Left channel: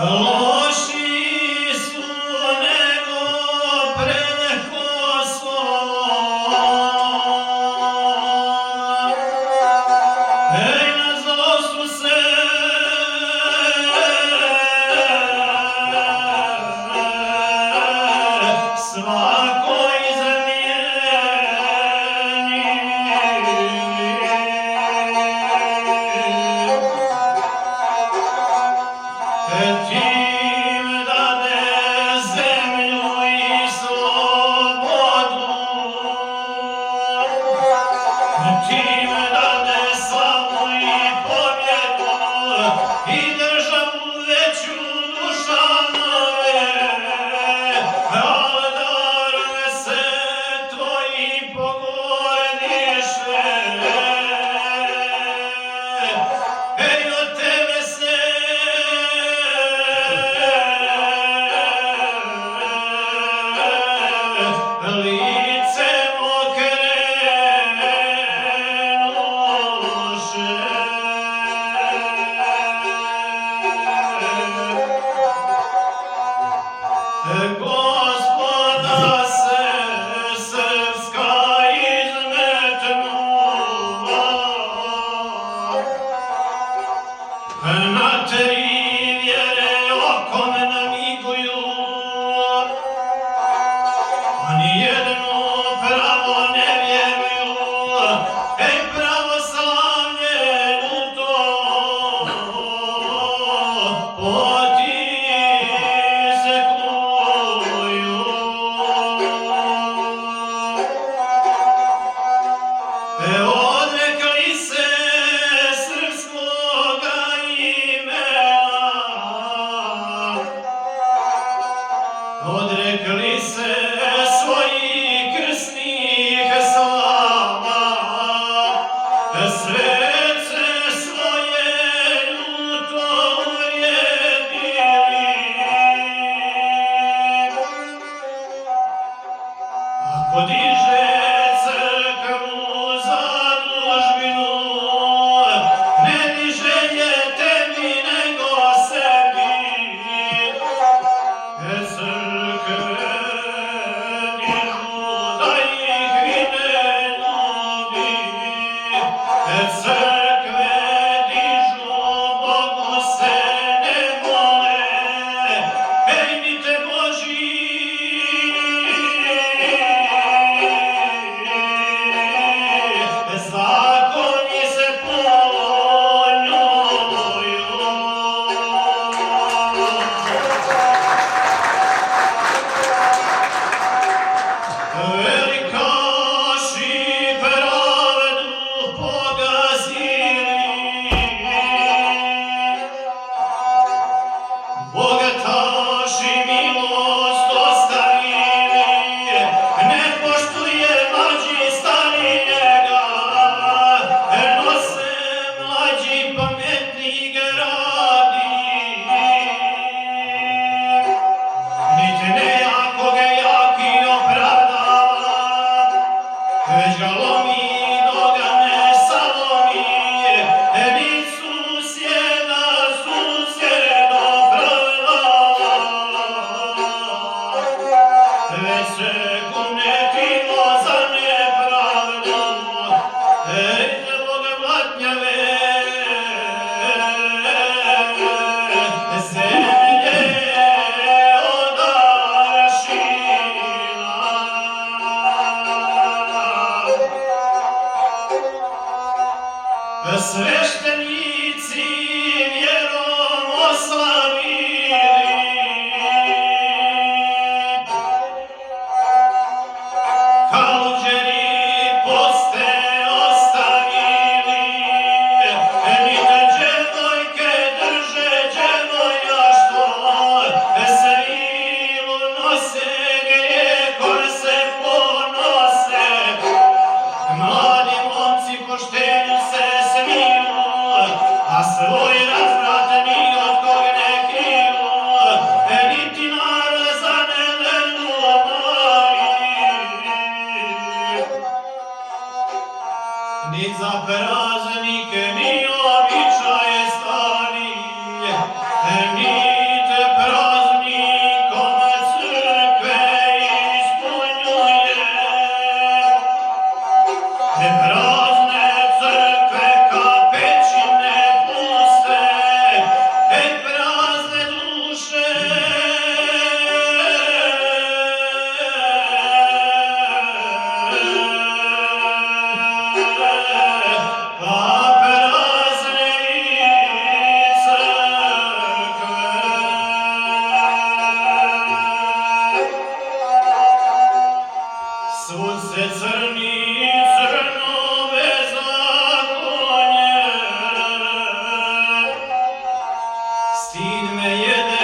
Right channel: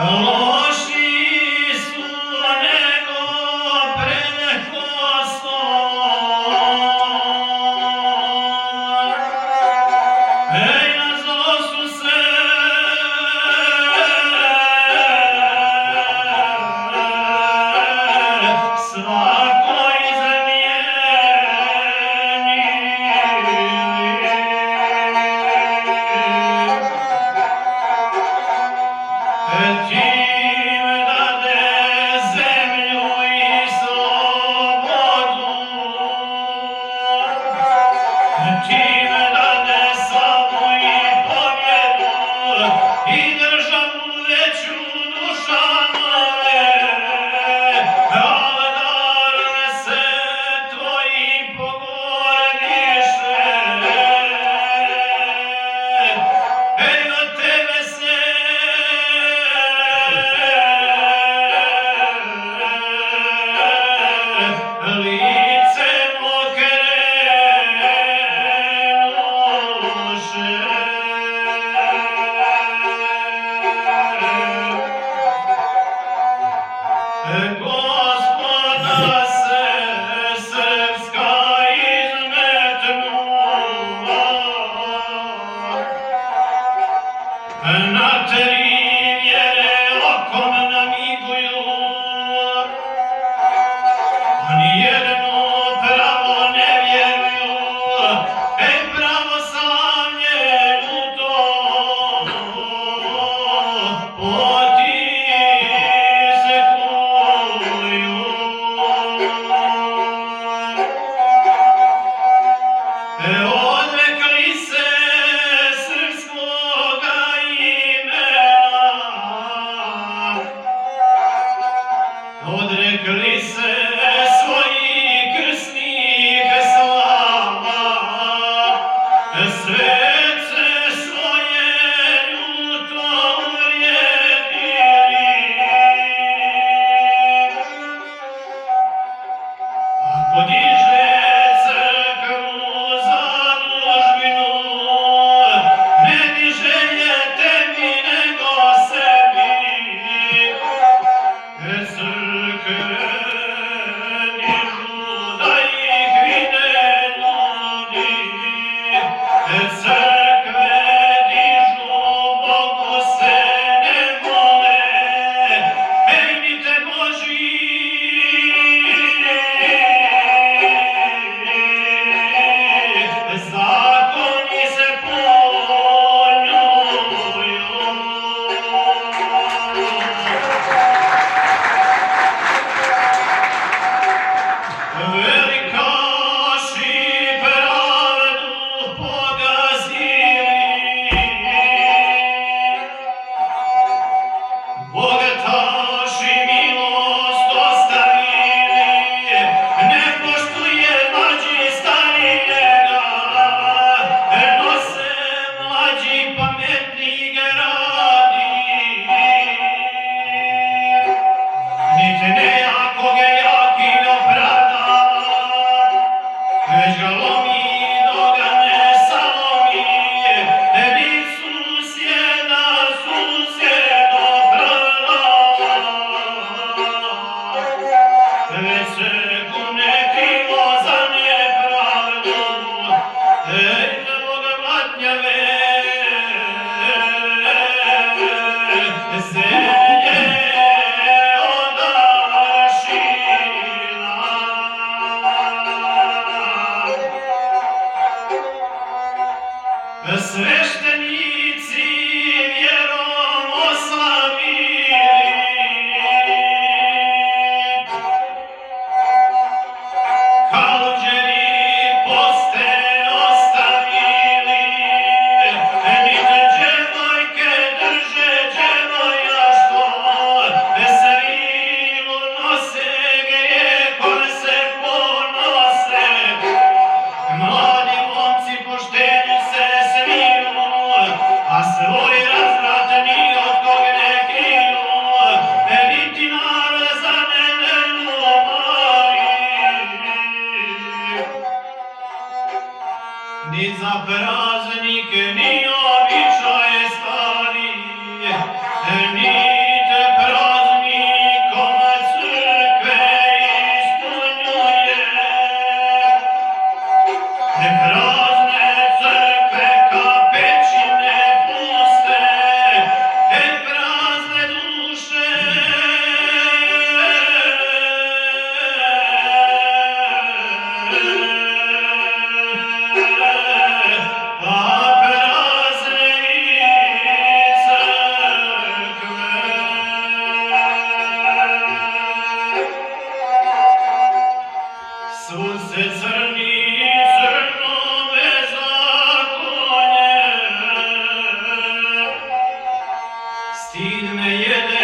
Loši su nego prekosto, na zlo su se svako Tim dade zemlju i slobodu, tim dade slavu i pobjedu i državu veću dušanove, vladar se tvoji pogordiše, od tebe se lice okrenuše. Gospoda se srpska izmetnula, na tri vjere okom namiguju, a nijedno pravo ne vjeruju, pravoslavlje ljuto potisekuju. Odrekli se srpskoga imena, odrekli se svojih krsnih slava, svece svoje ljuto uvrijedili. Ako diže crkvu zadužbinu, ne diže je tebi nego sebi. Crkve dižu da ih vide ljudi, crkve dižu Bogu se ne mole, mi te Boži zakoni se poljuju. Velikaši pravdu pogazili, bogataši milost ostavili, ne poštuje mlađi starijega, nose mlađi pametni gradi. Niti nejakoga jaki opravda, već ga lomi dok ga ne salomi, ni susjeda opravda, već se kune krivo za nepravdu, za Boga blatnjave zemlje odašila. Sveštenici vjerom oslavili, kaluđeri poste ostavili, ni te dževojke drže dževojaštvo, svilu nose grijehom se ponose, mladi momci poštenju se smiju, a svoj razvrat ni od kog ne kriju, niti narod za nevenu moli, ni za praznike, ni običaje stari, ni te Sin me jede